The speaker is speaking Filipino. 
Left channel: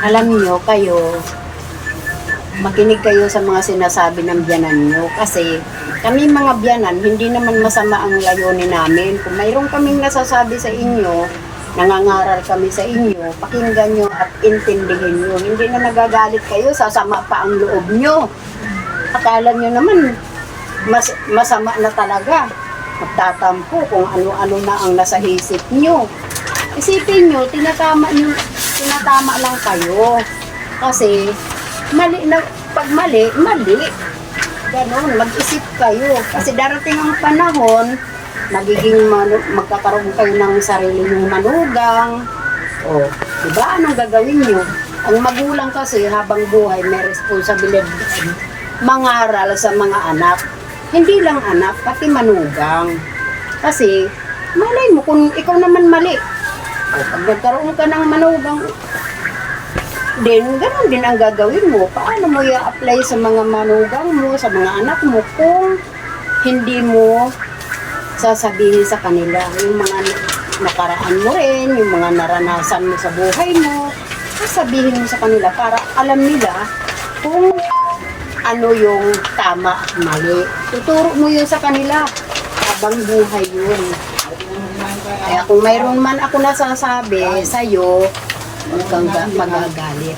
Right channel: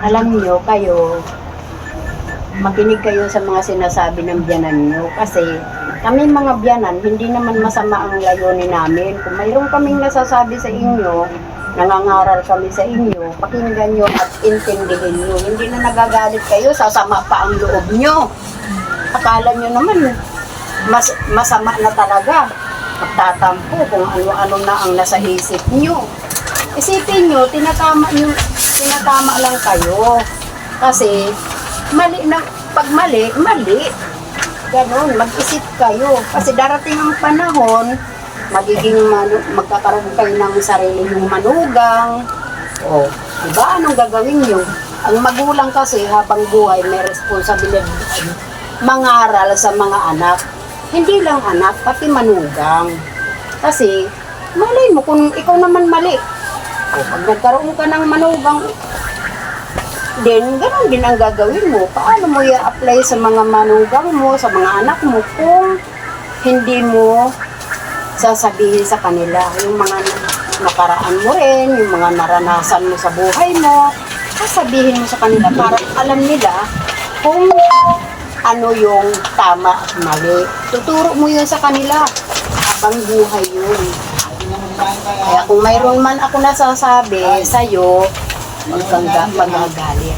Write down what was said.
Alam nyo, kayo, makinig kayo sa mga sinasabi ng biyanan nyo. Kasi kami mga biyanan, hindi naman masama ang layunin namin. Kung mayroon kaming nasasabi sa inyo, nangangaral kami sa inyo, pakinggan nyo at intindihin nyo. Hindi na nagagalit kayo, sasama pa ang loob nyo. Akala nyo naman, masama na talaga. Magtatampo kung ano-ano na ang nasa isip nyo. Isipin nyo, tinatama lang kayo. Kasi, mali na, pag mali, mali. Ganon, mag-isip kayo. Kasi darating ang panahon, magkakaroon kayo ng sarili nyong manugang. O, diba? Anong gagawin nyo? Ang magulang kasi habang buhay may responsibilidad mangaral sa mga anak. Hindi lang anak, pati manugang. Kasi, malay mo kung ikaw naman mali. O, pag nagkaroon ka ng manugang, ganon din ang gagawin mo. Paano mo i-apply sa mga manugang mo, sa mga anak mo, kung hindi mo sasabihin sa kanila yung mga nakaraan mo rin, yung mga naranasan mo sa buhay mo, sasabihin mo sa kanila para alam nila kung ano yung tama at mali. Tuturo mo yun sa kanila habang buhay yun. Kaya kung mayroon man ako nasasabi sa'yo, huwag kang magagalit.